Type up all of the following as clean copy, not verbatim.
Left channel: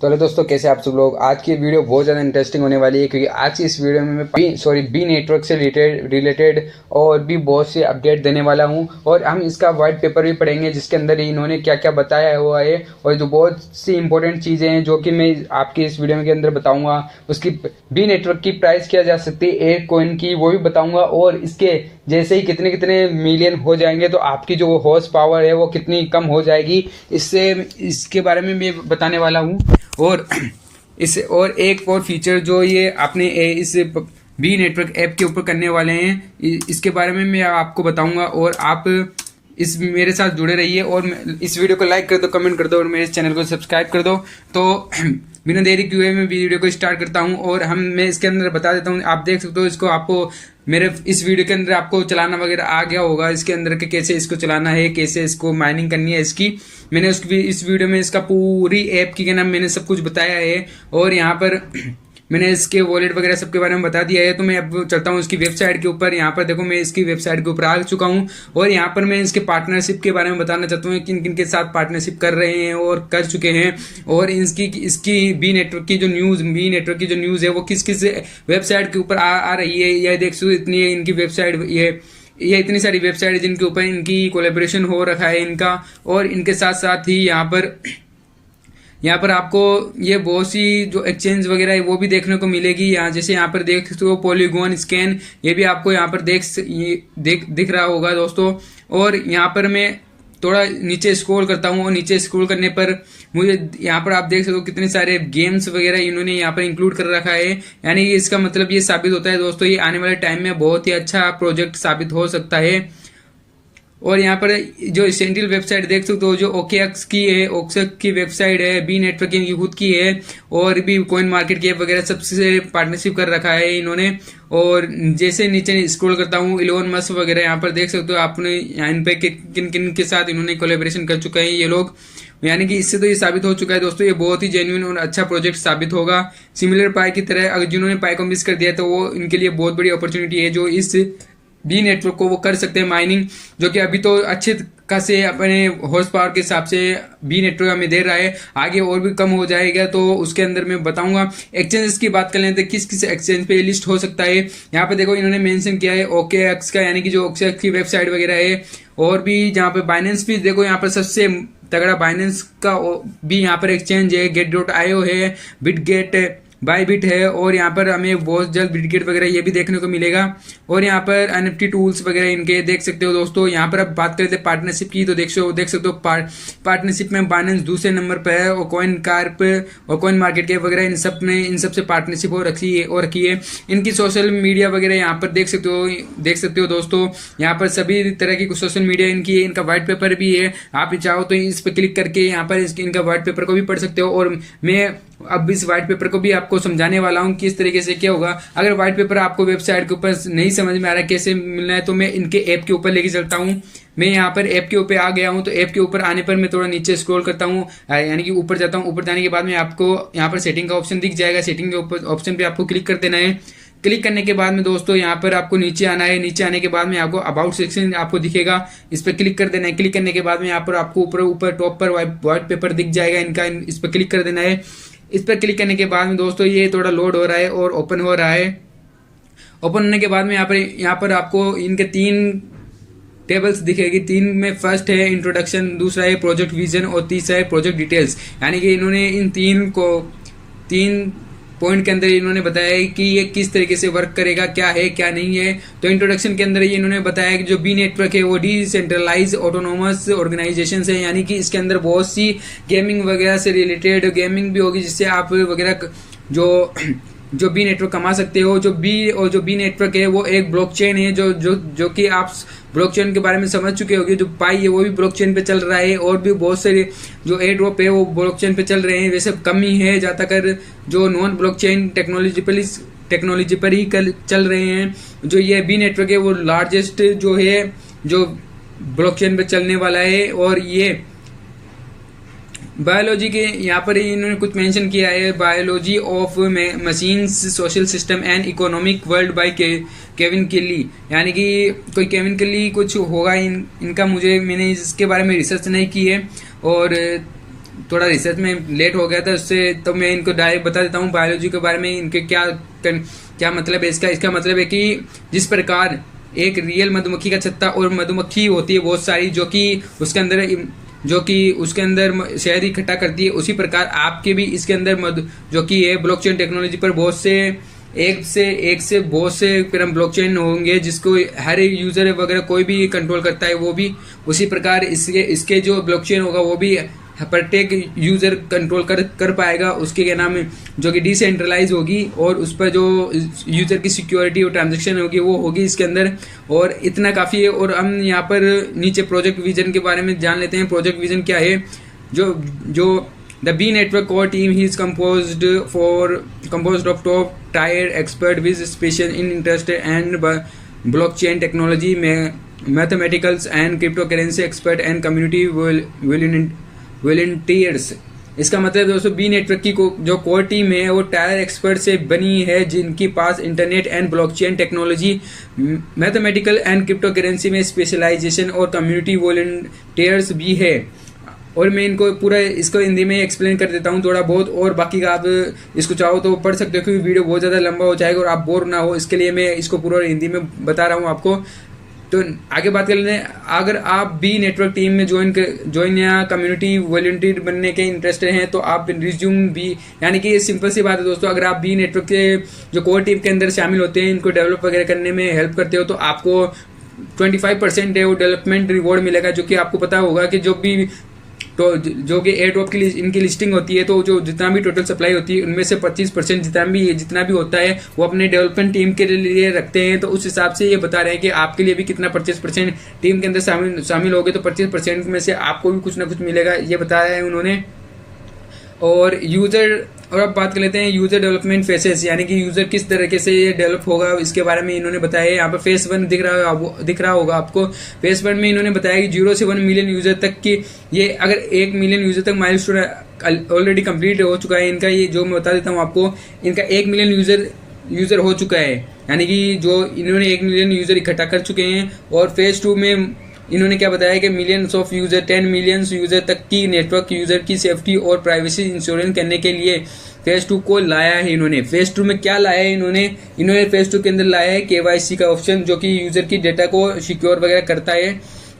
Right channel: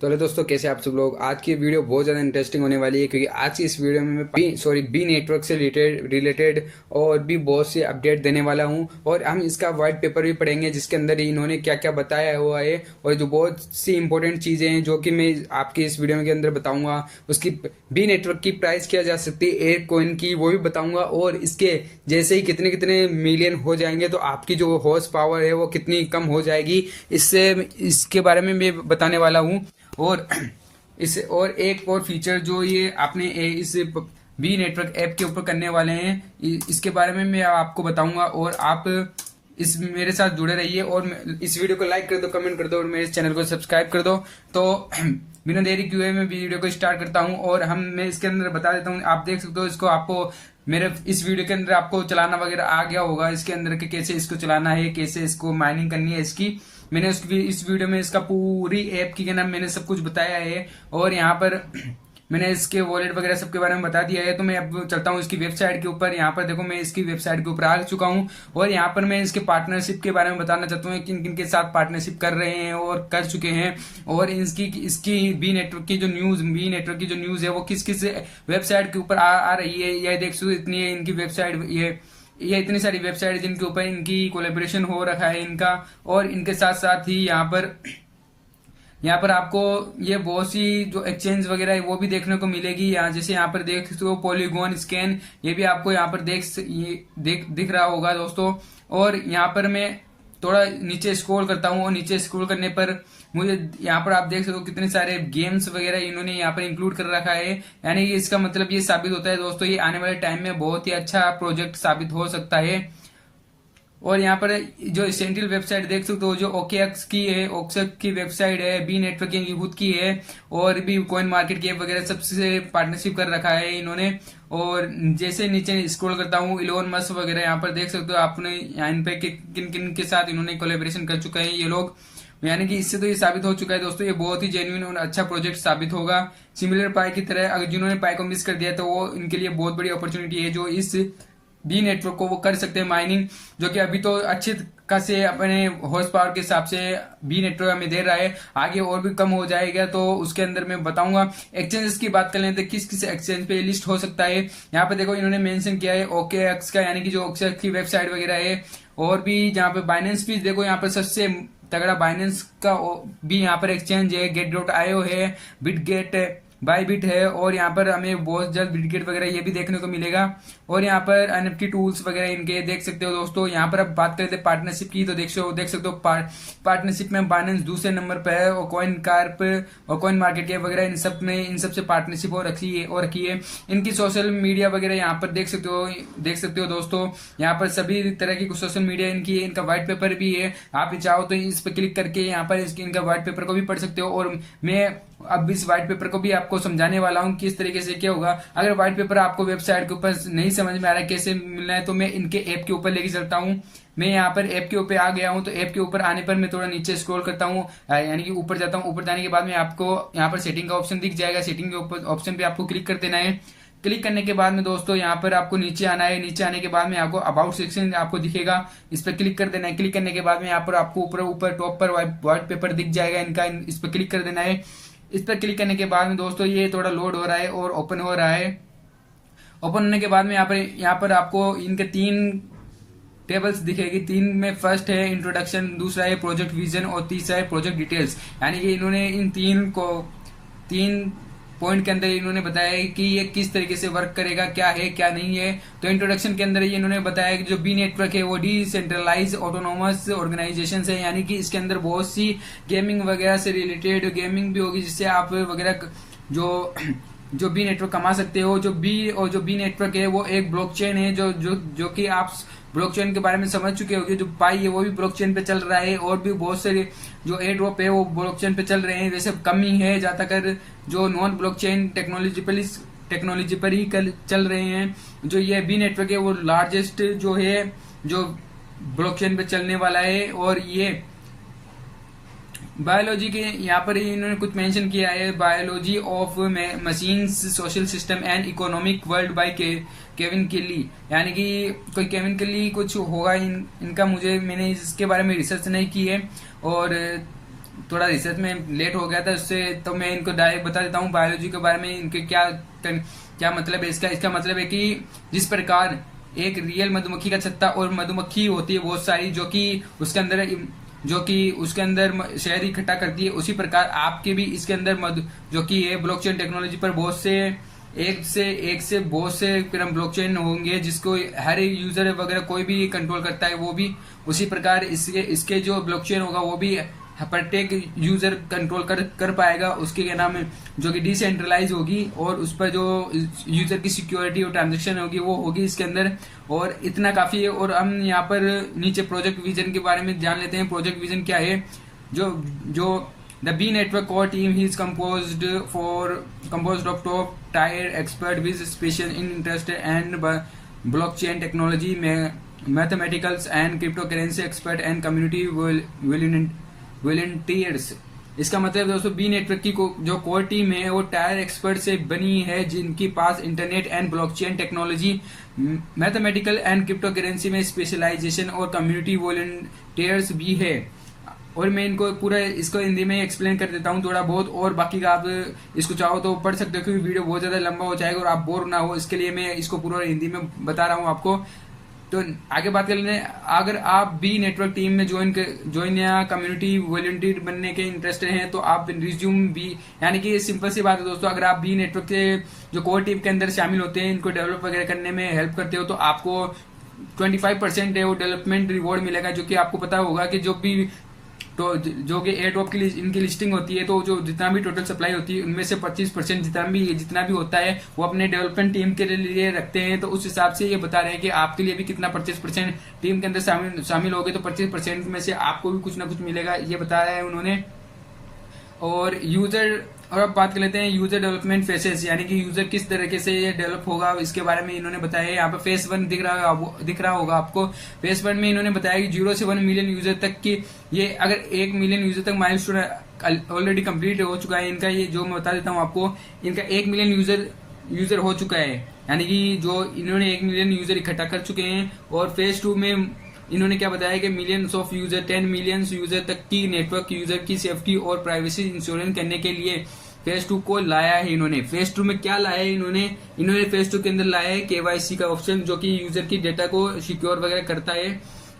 तो हेलो दोस्तों, कैसे आप सब लोग। आज की वीडियो बहुत ज़्यादा इंटरेस्टिंग होने वाली है क्योंकि आज की इस वीडियो में मैं बी नेटवर्क से रिलेटेड और भी बहुत सी अपडेट देने वाला हूं। और हम इसका वाइट पेपर भी पढ़ेंगे जिसके अंदर इन्होंने क्या क्या बताया हुआ है और जो बहुत सी इंपॉर्टेंट चीज़ें हैं जो कि मैं आपकी इस वीडियो के अंदर बताऊँगा। उसकी बी नेटवर्क की प्राइस क्या जा सकती है एक कॉइन की, वो भी बताऊँगा। और इसके जैसे ही कितने कितने मिलियन हो जाएंगे तो आपकी जो हॉर्स पावर है वो कितनी कम हो जाएगी, इसके बारे में मैं बताने वाला हूँ। और इस और एक और फीचर जो ये आपने इस बी नेटवर्क ऐप के ऊपर करने वाले हैं, इसके बारे में मैं आपको बताऊंगा। और आप इस मेरे साथ जुड़े रहिए और इस वीडियो को लाइक कर दो, कमेंट कर दो और मेरे इस चैनल को सब्सक्राइब कर दो। तो बिना देरी किए मैं वीडियो को स्टार्ट करता हूं। और मैं इसके अंदर बता देता हूं, आप देख सकते हो इसको। आपको मेरे इस वीडियो के अंदर आपको चलाना वगैरह आ गया होगा, इसके अंदर के कैसे इसको चलाना है, कैसे इसको माइनिंग करनी है इसकी। मैंने इस वीडियो में इसका पूरी ऐप की क्या नाम मैंने सब कुछ बताया है। और यहाँ पर मैंने इसके वॉलेट वगैरह सबके बारे में बता दिया है। तो मैं अब चलता हूँ इसकी वेबसाइट के ऊपर। यहाँ पर देखो मैं इसकी वेबसाइट के ऊपर आ चुका हूँ और यहाँ पर मैं इसके पार्टनरशिप के बारे में बताना चाहता हूँ, किन किन के साथ पार्टनरशिप कर रहे हैं और कर चुके हैं। और इसकी बी नेटवर्क की जो न्यूज़ है वो किस किस वेबसाइट के ऊपर आ रही है, यह देख सकते इतनी है इनकी वेबसाइट। ये इतनी सारी वेबसाइट है जिनके ऊपर इनकी कोलेब्रेशन हो रखा है इनका। और इनके साथ साथ ही यहाँ पर आपको ये बहुत सी जो एक्सचेंज वगैरह है वो भी देखने को मिलेगी। यहाँ जैसे यहाँ पर देख सकते हो पॉलीगॉन स्कैन, ये भी आपको यहाँ पर दिख रहा होगा दोस्तों। और यहाँ पर मैं थोड़ा नीचे स्क्रॉल करता हूँ और नीचे स्क्रॉल करने पर मुझे यहाँ पर आप देख सकते हो कितने सारे गेम्स वगैरह इन्होंने यहाँ पर इंक्लूड कर रखा है। यानी इसका मतलब ये साबित होता है दोस्तों, ये आने वाले टाइम में बहुत ही अच्छा प्रोजेक्ट साबित हो सकता है। और यहाँ पर जो एसेंशियल वेबसाइट देख सकते हो जो ओकेएक्स की है, ओकेएक्स की वेबसाइट है, बी नेटवर्किंग की खुद की है। और भी कॉइन मार्केट कैप वगैरह सबसे पार्टनरशिप कर रखा है इन्होंने। और जैसे नीचे स्क्रॉल करता हूँ इलोन मस्क वगैरह यहाँ पर देख सकते हो आपने इन पे किन किन के साथ इन्होंने कोलेब्रेशन कर चुका है ये लोग। यानी कि इससे तो ये साबित हो चुका है दोस्तों, ये बहुत ही जेन्युइन और अच्छा प्रोजेक्ट साबित होगा। सिमिलर पाई की तरह अगर जिन्होंने पाई को मिस कर दिया तो वो इनके लिए बहुत बड़ी अपॉर्चुनिटी है जो इस बी नेटवर्क को वो कर सकते हैं माइनिंग, जो कि अभी तो अच्छे खासे अपने हॉर्स पावर के हिसाब से बी नेटवर्क हमें दे रहा है। आगे और भी कम हो जाएगा तो उसके अंदर मैं बताऊंगा। एक्सचेंजेस की बात कर लेते हैं, किस किस एक्सचेंज पे ये लिस्ट हो सकता है। यहाँ पे देखो इन्होंने मेंशन किया है ओकेएक्स का, यानी कि जो ओकेएक्स की वेबसाइट वगैरह है। और भी जहाँ पे बाइनेंस भी देखो, यहाँ पर सबसे तगड़ा बाइनेंस का भी यहाँ पर एक्सचेंज है, get.io है, बिटगेट बायबिट है। और यहाँ पर हमें बहुत जल्द बिटगेट वगैरह ये भी देखने को मिलेगा। और यहाँ पर एनएफटी टूल्स वगैरह इनके देख सकते हो दोस्तों। यहाँ पर अब बात करते हैं पार्टनरशिप की, तो देख सकते हो पार्टनरशिप में बाइनेंस दूसरे नंबर पर है और कॉइन कार्प और कॉइन मार्केट कैप वगैरह इन सब से पार्टनरशिप हो रखी है। इनकी सोशल मीडिया वगैरह यहाँ पर देख सकते हो दोस्तों। यहाँ पर सभी तरह की सोशल मीडिया इनकी है, इनका व्हाइट पेपर भी है। आप चाहो तो इस पर क्लिक करके यहाँ पर इनका व्हाइट पेपर को भी पढ़ सकते हो। और मैं अब इस व्हाइट पेपर को भी आपको समझाने वाला हूँ किस तरीके से क्या होगा। अगर व्हाइट पेपर आपको वेबसाइट के ऊपर नहीं समझ में आ रहा है कैसे मिलना है तो मैं इनके ऐप के ऊपर लेके चलता हूँ। मैं यहाँ पर ऐप के ऊपर आ गया हूँ, तो ऐप के ऊपर आने पर मैं थोड़ा नीचे स्क्रॉल करता हूँ, यानी कि ऊपर जाता हूँ। ऊपर जाने के बाद में आपको यहाँ पर सेटिंग का ऑप्शन दिख जाएगा। सेटिंग के ऊपर ऑप्शन पे आपको क्लिक कर देना है। क्लिक करने के बाद में दोस्तों यहाँ पर आपको नीचे आना है। नीचे आने के बाद में आपको अबाउट सेक्शन आपको दिखेगा, इस पर क्लिक कर देना है। क्लिक करने के बाद में यहाँ पर आपको ऊपर टॉप पर व्हाइट पेपर दिख जाएगा इनका, इस पर क्लिक कर देना है। इस पर क्लिक करने के बाद में दोस्तों ये थोड़ा लोड हो रहा है और ओपन हो रहा है। ओपन होने के बाद में यहाँ पर आपको इनके 3 टेबल्स दिखेगी। 3 में फर्स्ट है इंट्रोडक्शन, दूसरा है प्रोजेक्ट विजन और तीसरा है प्रोजेक्ट डिटेल्स। यानी कि इन्होंने इन 3 पॉइंट के अंदर इन्होंने बताया है कि ये किस तरीके से वर्क करेगा, क्या है क्या नहीं है। तो इंट्रोडक्शन के अंदर ये इन्होंने बताया कि जो बी नेटवर्क है वो डिसेंट्रलाइज ऑटोनोमस ऑर्गेनाइजेशन है, यानी कि इसके अंदर बहुत सी गेमिंग वगैरह से रिलेटेड गेमिंग भी होगी जिससे आप वगैरह जो बी नेटवर्क कमा सकते हो। जो बी नेटवर्क है वो एक ब्लॉकचेन है जो कि आप ब्लॉकचेन के बारे में समझ चुके होंगे। जो पाई है वो भी ब्लॉकचेन पे चल रहा है और भी बहुत सारे जो एयर ड्रॉप है वो ब्लॉकचेन पे चल रहे हैं। वैसे कम ही है, ज्यादातर जो नॉन ब्लॉकचेन टेक्नोलॉजी पर ही चल रहे हैं। जो ये बी नेटवर्क है वो लार्जेस्ट जो है जो ब्लॉकचेन पे चलने वाला है। और ये बायोलॉजी के यहाँ पर इन्होंने कुछ मेंशन किया है, biology of machines social system and economic world by Kevin केली। यानी कि कोई केविन केली कुछ होगा इनका, मैंने इसके बारे में रिसर्च नहीं की है। और थोड़ा रिसर्च में लेट हो गया था उससे, तो मैं इनको डायरेक्ट बता देता हूँ बायोलॉजी के बारे में इनके क्या मतलब है इसका मतलब है कि जिस प्रकार एक रियल मधुमक्खी का छत्ता और मधुमक्खी होती है बहुत सारी जो कि उसके अंदर शहद इकट्ठा करती है, उसी प्रकार आपके भी इसके अंदर जो कि है ब्लॉकचेन टेक्नोलॉजी पर बहुत से एक से बहुत से ब्लॉकचेन होंगे जिसको हर यूजर वगैरह कोई भी कंट्रोल करता है, वो भी उसी प्रकार इसके जो ब्लॉकचेन होगा वो भी प्रत्येक यूजर कंट्रोल कर पाएगा। उसके क्या नाम है जो कि डिसेंट्रलाइज होगी और उस पर जो यूजर की सिक्योरिटी और ट्रांजेक्शन होगी वो होगी इसके अंदर। और इतना काफी है। और हम यहाँ पर नीचे प्रोजेक्ट विजन के बारे में जान लेते हैं। प्रोजेक्ट विजन क्या है? जो the B network core team he is composed of top tier expert with special interest and blockchain technology, mathematics and cryptocurrency expert and community volunteers। इसका मतलब दोस्तों बी नेटवर्क की जो कोर टीम है वो टायर एक्सपर्ट से बनी है जिनके पास internet and blockchain technology, mathematical and crypto currency में स्पेशलाइजेशन और कम्युनिटी वॉलंटियर्स भी है। और मैं इनको पूरा इसको हिंदी में एक्सप्लेन कर देता हूँ थोड़ा बहुत, और बाकी का आप इसको चाहो तो पढ़ सकते हो क्योंकि वीडियो बहुत ज़्यादा लंबा हो जाएगा और आप बोर ना हो, इसके लिए मैं इसको पूरा हिंदी में बता रहा हूँ आपको। तो आगे बात कर लेते हैं। अगर आप बी नेटवर्क टीम में ज्वाइन या कम्युनिटी वॉलंटियर बनने के इंटरेस्टेड हैं तो आप रिज्यूम भी, यानी कि ये सिंपल सी बात है दोस्तों, अगर आप बी नेटवर्क के जो कोर टीम के अंदर शामिल होते हैं, इनको डेवलप वगैरह करने में हेल्प करते हो, तो आपको 25% है वो डेवलपमेंट रिवॉर्ड मिलेगा। जो कि आपको पता होगा कि जो कि एयर ड्रॉप की इनकी लिस्टिंग होती है, तो जो जितना भी टोटल सप्लाई होती है उनमें से 25% जितना भी होता है वो अपने डेवलपमेंट टीम के लिए रखते हैं। तो उस हिसाब से ये बता रहे हैं कि आपके लिए भी कितना 25% टीम के अंदर शामिल हो गए तो 25% में से आपको भी कुछ ना कुछ मिलेगा, ये बताया है उन्होंने। और अब बात कर लेते हैं यूजर डेवलपमेंट फेसेस, यानी कि यूजर किस तरीके से ये डेवलप होगा इसके बारे में इन्होंने बताया है। यहाँ पर फेस 1 दिख रहा होगा आपको। फेस 1 में इन्होंने बताया कि 0 से 1 मिलियन यूजर तक की, ये अगर 1 मिलियन यूजर तक माइलस्टोन ऑलरेडी कंप्लीट हो चुका है इनका, ये जो मैं बता देता हूँ आपको, इनका 1 मिलियन यूजर हो चुका है, यानी कि जो इन्होंने 1 मिलियन यूजर इकट्ठा कर चुके हैं। और फेज 2 में इन्होंने क्या बताया कि millions of user 10 million user तक की नेटवर्क यूजर की सेफ्टी और प्राइवेसी इंश्योरेंस करने के लिए फेज 2 को लाया है इन्होंने। फेज 2 में क्या लाया है इन्होंने फेज 2 के अंदर लाया है KYC का ऑप्शन, जो कि यूजर की डेटा को सिक्योर वगैरह करता है।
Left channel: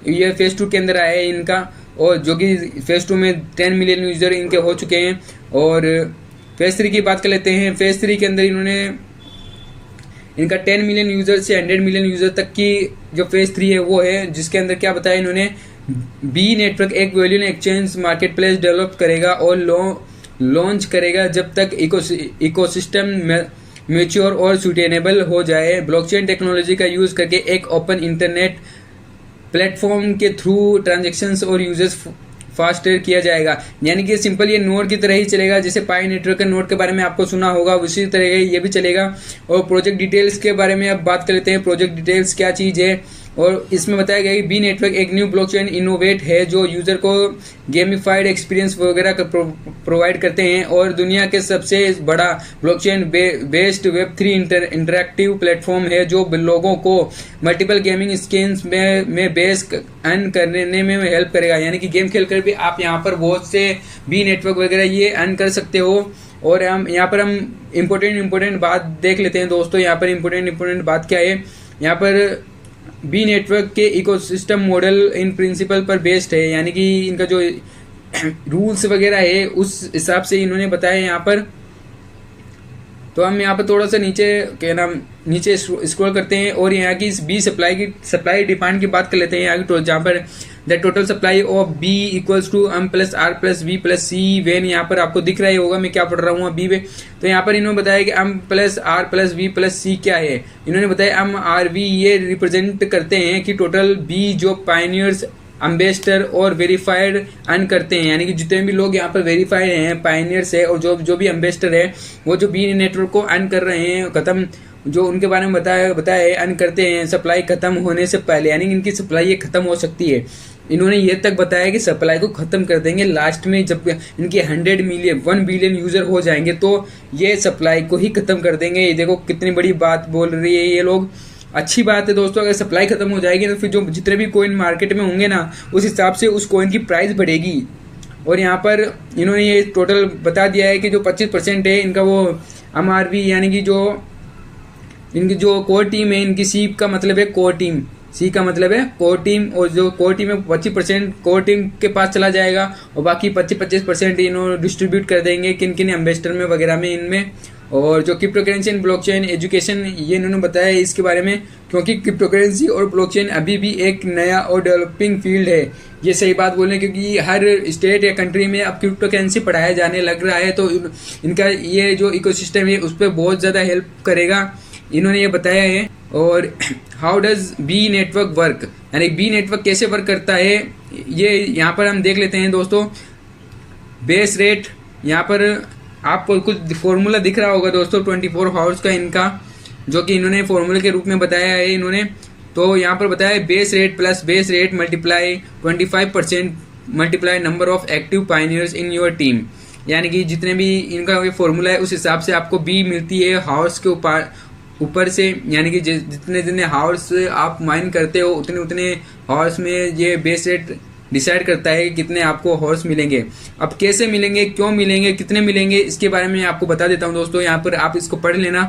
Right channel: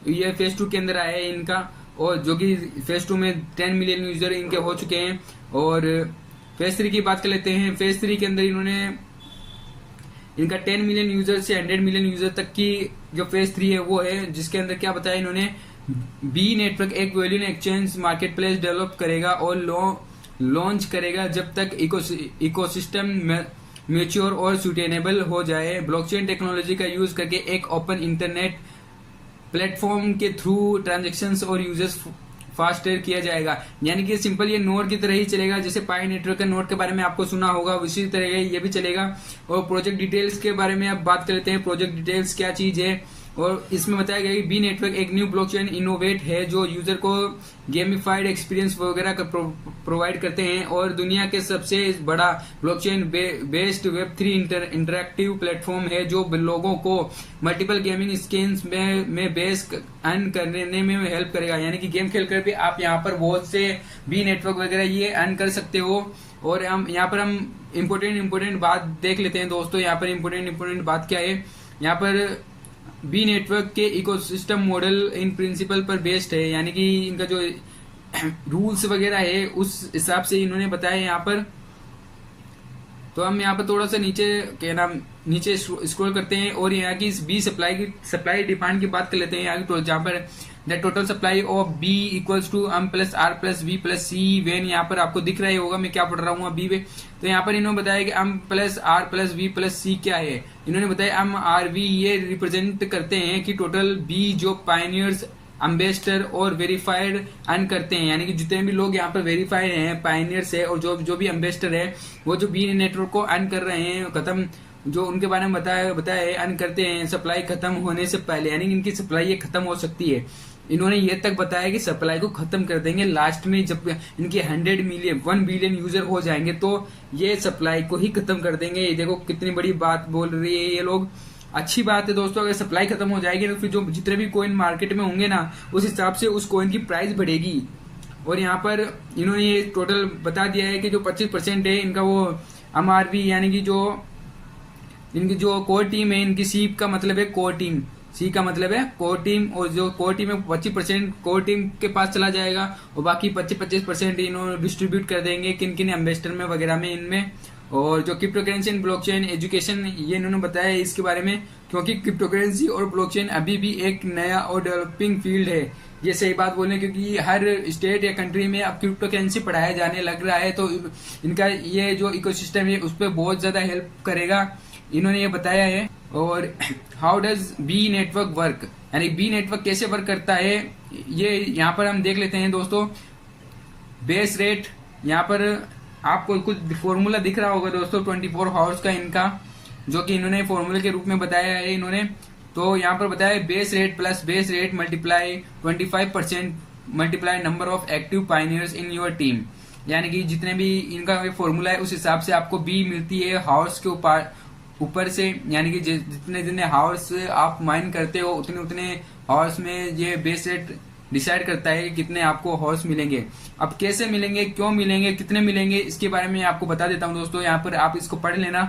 ये फेज 2 के अंदर आया है इनका, और जो कि फेज 2 में 10 मिलियन यूजर इनके हो चुके हैं। और फेज 3 की बात कर लेते हैं। फेज 3 के अंदर इन्होंने इनका 10 मिलियन यूजर से 100 मिलियन यूजर तक की जो फेज 3 है वो है, जिसके अंदर क्या बताया इन्होंने, बी नेटवर्क एक value exchange market place develop करेगा और लॉन्च करेगा जब तक इकोसिस्टम मैच्योर और सुटेनेबल हो जाए। ब्लॉकचेन टेक्नोलॉजी का यूज करके एक ओपन इंटरनेट प्लेटफॉर्म के थ्रू ट्रांजेक्शंस और यूजर्स फास्टर किया जाएगा, यानी कि सिंपल ये नोड की तरह ही चलेगा। जैसे पाई नेटवर्क के नोड के बारे में आपको सुना होगा, उसी तरह ये भी चलेगा। और प्रोजेक्ट डिटेल्स के बारे में अब बात कर लेते हैं। प्रोजेक्ट डिटेल्स क्या चीज़ है, और इसमें बताया गया कि बी नेटवर्क एक न्यू ब्लॉकचेन इनोवेट है जो यूजर को गेमिफाइड एक्सपीरियंस वगैरह प्रोवाइड करते हैं, और दुनिया के सबसे बड़ा blockchain based Web3 interactive platform है जो लोगों को मल्टीपल गेमिंग स्किन्स में बेस अर्न करने में हेल्प करेगा, यानी कि गेम खेलकर भी आप यहाँ पर बहुत से बी नेटवर्क वगैरह ये अर्न कर सकते हो। और हम यहाँ पर इम्पोर्टेंट बात देख लेते हैं दोस्तों। यहाँ पर इम्पोर्टेंट बात क्या है, यहाँ पर बी नेटवर्क के इकोसिस्टम मॉडल इन प्रिंसिपल पर बेस्ड है, यानी कि इनका जो रूल्स वगैरह है उस हिसाब से इन्होंने बताया यहाँ पर। तो हम यहाँ पर थोड़ा सा नीचे स्क्रॉल करते हैं और यहाँ की बी सप्लाई डिमांड की बात कर लेते हैं। यहाँ की जहाँ पर the total supply of B equals to M plus R plus V plus C when, यहाँ पर आपको दिख रहा होगा मैं क्या पढ़ रहा हूँ अभी। तो यहाँ पर इन्होंने बताया कि M plus R plus V plus C क्या है। इन्होंने बताया M R V ये रिप्रेजेंट करते हैं कि टोटल B जो पायनियर्स, एम्बेसडर और वेरीफाइड अर्न करते हैं, यानी कि जितने भी लोग यहाँ पर वेरीफाइड हैं, पायनियर्स है, और जो भी एम्बेसडर है वो जो बी नेटवर्क को अर्न कर रहे हैं, जो उनके बारे में बताया है, अर्न करते हैं सप्लाई खत्म होने से पहले, यानी कि इनकी सप्लाई ये खत्म हो सकती है। इन्होंने ये तक बताया कि सप्लाई को खत्म कर देंगे लास्ट में, जब इनके 1 बिलियन यूजर हो जाएंगे तो ये सप्लाई को ही खत्म कर देंगे। ये देखो कितनी बड़ी बात बोल रही है ये लोग। अच्छी बात है दोस्तों, अगर सप्लाई खत्म हो जाएगी तो फिर जो जितने भी कॉइन मार्केट में होंगे ना, उस हिसाब से उस कॉइन की प्राइस बढ़ेगी। और यहाँ पर इन्होंने ये टोटल बता दिया है कि जो 25% है इनका वो MRV यानी कि जो इनकी जो कोर टीम है, इनकी सी का मतलब है कोर टीम, सी का मतलब है कोर टीम, और जो कोर टीम है 25% कोर टीम के पास चला जाएगा और बाकी 25% इन्होंने डिस्ट्रीब्यूट कर देंगे किन किन एम्बेसडर में वगैरह में इनमें। और जो crypto currency and blockchain education ये इन्होंने बताया है इसके बारे में, क्योंकि क्रिप्टो करेंसी और ब्लॉकचेन अभी भी एक नया और डेवलपिंग फील्ड है। ये सही बात बोल रहे हैं, क्योंकि हर स्टेट या कंट्री में अब क्रिप्टो करेंसी पढ़ाया जाने लग रहा है, तो इनका ये जो इकोसिस्टम है उस पर बहुत ज़्यादा हेल्प करेगा, इन्होंने ये बताया है। और how does B network work, यानी बी नेटवर्क कैसे वर्क करता है ये यहाँ पर हम देख लेते हैं दोस्तों। बेस रेट, यहाँ पर आपको कुछ फॉर्मूला दिख रहा होगा दोस्तों 24 आवर्स का इनका, जो कि इन्होंने फॉर्मूले के रूप में बताया है इन्होंने। तो यहाँ पर बताया base rate plus base rate multiply 25% multiply number of active pioneers in your team, यानी कि जितने भी इनका ये फॉर्मूला है उस हिसाब से आपको बी मिलती है हाउस के ऊपर से, यानी कि जितने जितने हाउस आप माइन करते हो उतने उतने हाउस में ये बेस रेट डिसाइड करता है कि कितने आपको हॉर्स मिलेंगे। अब कैसे मिलेंगे, क्यों मिलेंगे, कितने मिलेंगे, इसके बारे में आपको बता देता हूं दोस्तों। यहाँ पर आप इसको पढ़ लेना,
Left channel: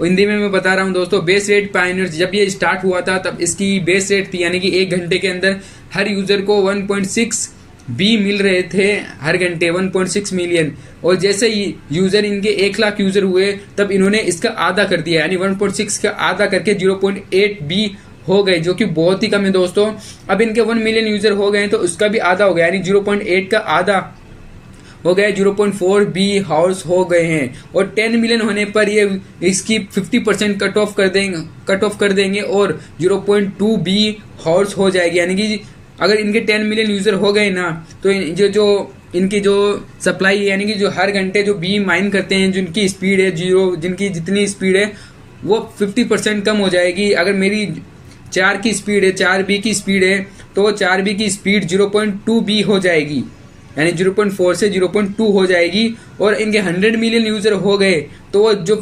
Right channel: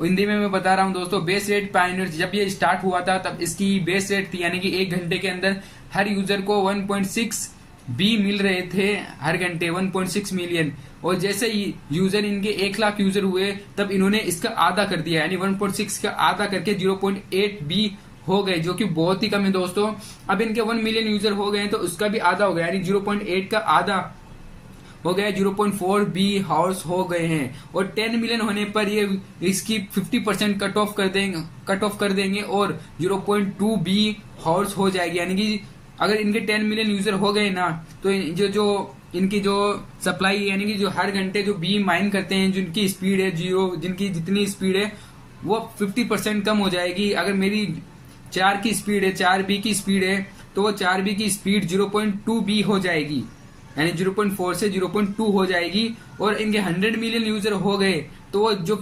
हिंदी में मैं बता रहा हूं दोस्तों। बेस रेट पायनियर्स जब ये स्टार्ट हुआ था तब इसकी बेस रेट थी, यानी कि 1 घंटे के अंदर हर यूजर को 1.6 बी मिल रहे थे हर घंटे, 1.6 मिलियन। और जैसे ही यूजर इनके 1 लाख यूजर हुए तब इन्होंने इसका आधा कर दिया, यानी 1.6 का आधा करके 0.8 बी हो गए, जो कि बहुत ही कम है दोस्तों। अब इनके 1 मिलियन यूजर हो गए तो उसका भी आधा हो गया, यानी 0.8 का आधा हो गया, 0.4 बी हाउस हो गए हैं। और 10 मिलियन होने पर ये इसकी 50% कट ऑफ कर देंगे और 0.2 बी हाउस हो जाएगी। यानी कि अगर इनके 10 मिलियन यूजर हो गए ना, तो जो इनकी जो सप्लाई है, यानी कि जो हर घंटे जो बी माइन करते हैं, जिनकी स्पीड है जिनकी जितनी स्पीड है वो 50% कम हो जाएगी। अगर मेरी 4 की स्पीड है, 4 बी की स्पीड है, तो वो 4 बी की स्पीड 0.2 बी हो जाएगी, यानी 0.4 से 0.2 हो जाएगी। और इनके 100 मिलियन यूजर हो गए तो वो जो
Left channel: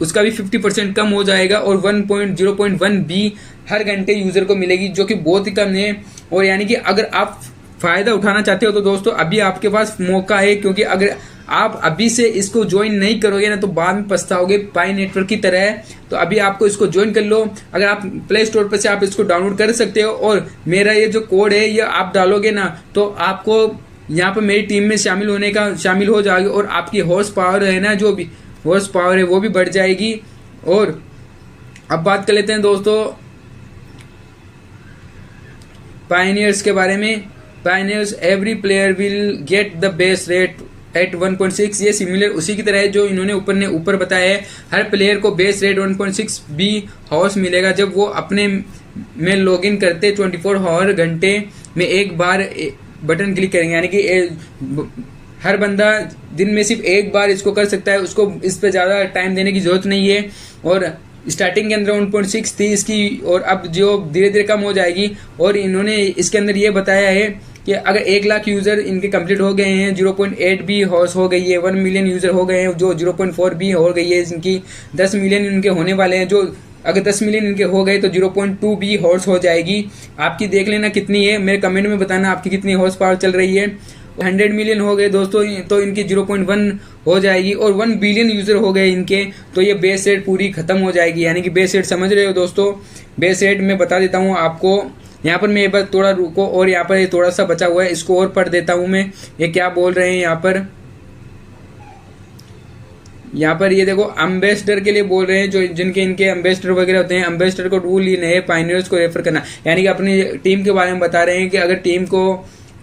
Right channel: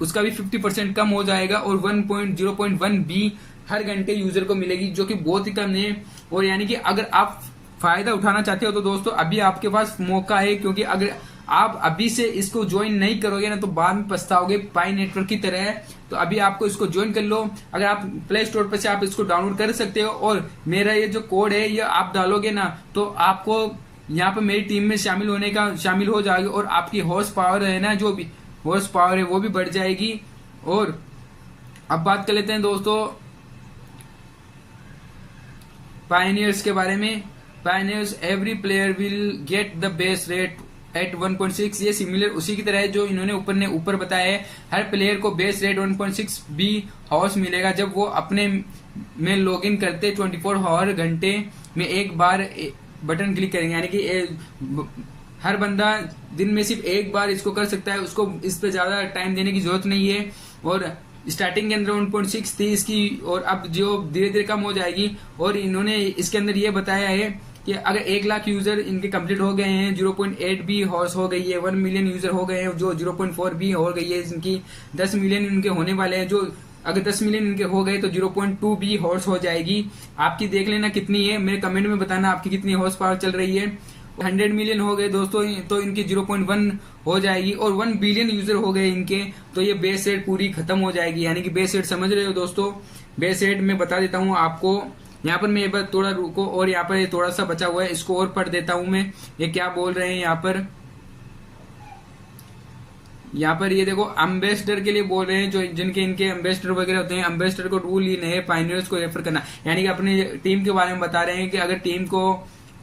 उसका भी 50% कम हो जाएगा और 0.1 बी हर घंटे यूजर को मिलेगी, जो कि बहुत ही कम है। और यानी कि अगर आप फायदा उठाना चाहते हो तो दोस्तों अभी आपके पास मौका है, क्योंकि अगर आप अभी से इसको ज्वाइन नहीं करोगे ना तो बाद में पछताओगे, पाई नेटवर्क की तरह है। तो अभी आपको इसको ज्वाइन कर लो, अगर आप प्ले स्टोर पर से आप इसको डाउनलोड कर सकते हो। और मेरा ये जो कोड है ये आप डालोगे ना तो आपको यहाँ पर मेरी टीम में शामिल हो जाओगे और आपकी हॉर्स पावर है ना, जो भी हॉर्स पावर है वो भी बढ़ जाएगी। और अब बात कर लेते हैं दोस्तों पायनियर्स के बारे में। Pioneers every player will get the base rate at 1.6, ये सिमिलर उसी की तरह है जो इन्होंने ऊपर बताया है। हर प्लेयर को बेस रेट 1.6 बी हाउस मिलेगा जब वो अपने में लॉगिन करते 24 आवर घंटे में एक बार बटन क्लिक करेंगे, यानी कि हर बंदा दिन में सिर्फ एक बार इसको कर सकता है, उसको इस पे ज़्यादा टाइम देने की जरूरत नहीं है। और स्टार्टिंग के अंदर 1.6 थी इसकी, और अब जो धीरे धीरे कम हो जाएगी। और इन्होंने इसके अंदर ये बताया है कि अगर 1 लाख यूजर इनके कंप्लीट हो गए हैं, 0.8 बी हॉर्स हो गई है, 1 मिलियन यूजर हो गए हैं, जो 0.4 बी हो गई है इनकी, 10 मिलियन इनके होने वाले हैं, जो अगर 10 मिलियन इनके हो गए तो 0.2 बी हॉर्स हो जाएगी। आपकी देख लेना कितनी है, मेरे कमेंट में बताना आपकी कितनी हॉर्स पावर चल रही है। 100 मिलियन हो गए दोस्तों तो इनकी 0.1 हो जाएगी। और 1 बिलियन यूजर हो गए इनके तो ये बेस रेट पूरी खत्म हो जाएगी। यानी कि बेस रेट समझ रहे हो दोस्तों, बेस रेट मैं बता देता हूँ आपको। यहाँ पर मैं एक बार थोड़ा रुको, और यहाँ पर थोड़ा सा बचा हुआ है, इसको और पढ़ देता हूँ मैं, ये क्या बोल रहे हैं यहाँ पर ये देखो एम्बेसडर के लिए बोल रहे हैं, जो जिनके इनके एम्बेसडर वगैरह होते हैं। एम्बेसडर को रूल ये है पायनियर्स को रेफर करना, यानी कि अपनी टीम के बारे में बता रहे हैं कि अगर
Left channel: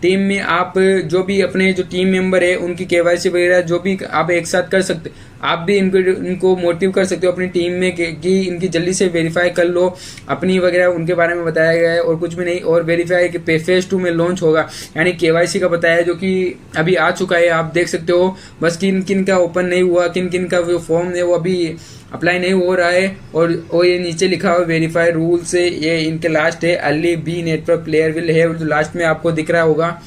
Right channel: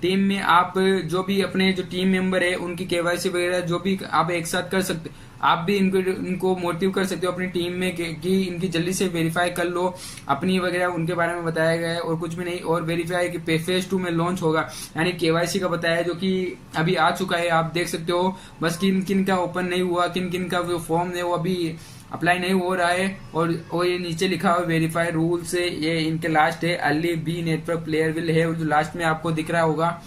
टीम में आप जो भी अपने जो टीम मेंबर है उनकी केवाईसी वगैरह जो भी आप एक साथ कर सकते, आप भी इनको मोटिव कर सकते हो अपनी टीम में कि इनकी जल्दी से वेरीफाई कर लो अपनी वगैरह, उनके बारे में बताया गया है और कुछ भी नहीं। और वेरीफाई कि फेज 2 में लॉन्च होगा, यानी केवाईसी का बताया है, जो कि अभी आ चुका है, आप देख सकते हो। बस किन किन का ओपन नहीं हुआ, किन किन का जो फॉर्म है वो अभी अप्लाई नहीं हो रहा है। और ये नीचे लिखा हुआ वेरीफाई रूल से, ये इनके लास्ट है early B network player will है, जो लास्ट में आपको दिख रहा होगा।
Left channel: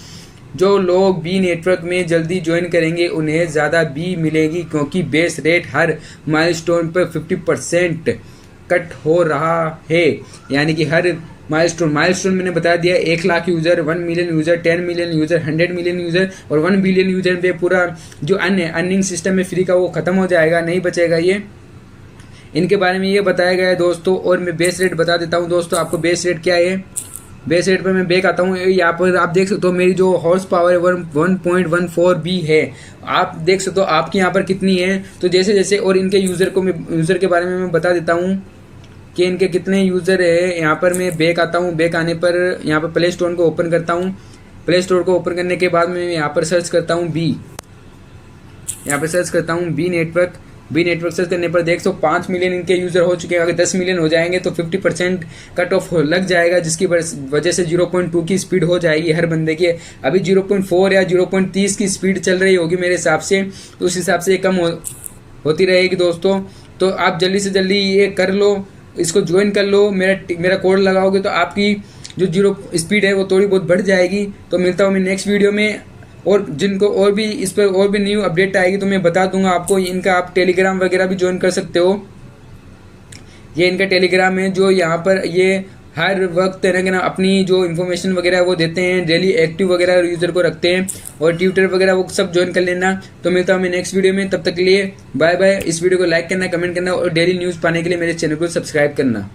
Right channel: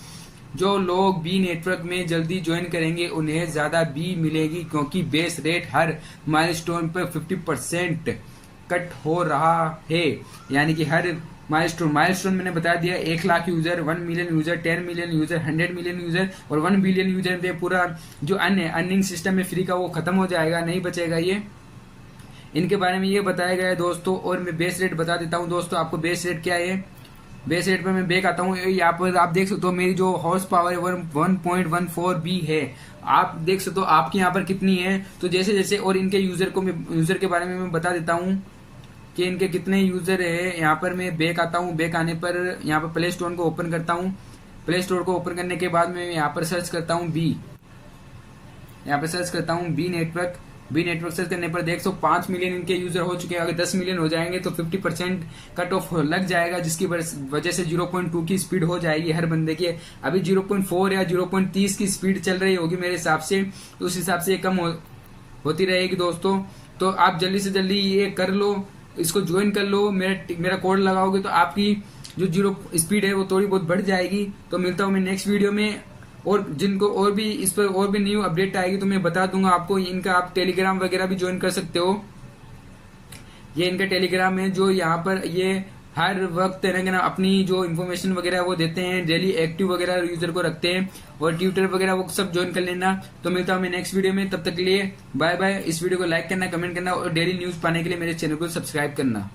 जो लोग बी नेटवर्क में जल्दी ज्वाइन करेंगे उन्हें ज़्यादा बी मिलेगी, क्योंकि बेस रेट हर माइलस्टोन पर 50% कट हो रहा है। यानी कि हर माइलस्टोन मैंने बता दिया, 1 lakh user, 1 million user, 10 million user, 100 million user और 1 बिलियन यूज़र पे पूरा जो अर्निंग सिस्टम है फ्री का वो ख़त्म हो जाएगा, नहीं बचेगा ये। इनके बारे में ये बताया गया है दोस्तों। और मैं बेस रेट बता देता हूँ दोस्तों आपको, बेस रेट क्या है। बेस रेट पर मैं बैक आता हूँ, यहाँ पर आप देख सकते हो मेरी जो हॉर्स पावर है 1.14 बी है। आप देख सकते हो आपके यहाँ पर कितनी है। तो जैसे जैसे और इनके यूज़र के बारे में मैं बता देता हूँ कि इनके कितने यूज़र है। यहाँ पर मैं बैक आता हूँ, बैक आने पर यहाँ पर प्ले स्टोर को ओपन करता हूँ। प्ले स्टोर को ओपन करने के बाद मैं यहाँ पर सर्च करता हूँ यहाँ पर सर्च करता हूँ बी नेटवर्क सर्च करने पर देख 5 मिलियन इनके यूज़र हो चुके हैं। अगर 10 मिलियन हो जाएंगे तो 50% कट ऑफ लग जाएगा, जिसकी वजह से 0.2 की स्पीड हो जाएगी हर बंदे की। अभी 0.4 या 0.30 की स्पीड चल रही होगी मेरे हिसाब से, तो उस हिसाब से ये कम होती रहेगी दोस्तों। तो आप जल्दी से जल्दी ये कर लो, इसको ज्वाइन कर लो। मेरा कोड लगाओगे तो आपकी जो जीरो स्पीड है वो थोड़ी बहुत बढ़ जाएगी। तो मिलता हूँ मैं नेक्स्ट वीडियो में, और जिनको और भी इस पर और भी न्यू अपडेट आएगी तो मैं बता दूंगा आपको। इनका आप टेलीग्राम वगैरह भी ज्वाइन कर सकते हो। ये इनका टेलीग्राम है जो यहाँ पर ये हर वक्त है ना अपनी जो इन्फॉर्मेशन वगैरह वो देते हैं, डेली एक्टिव वगैरह यूजर को रखते हैं, और ट्विटर वगैरह वो सब ज्वाइन कर लेना। तो मिलता हूँ मैं नेक्स्ट वीडियो में, तब तक के लिए बाय बाय। इस वीडियो को लाइक करना, कमेंट करना और डेली न्यूज़ पाने के लिए मेरे चैनल को सब्सक्राइब करना।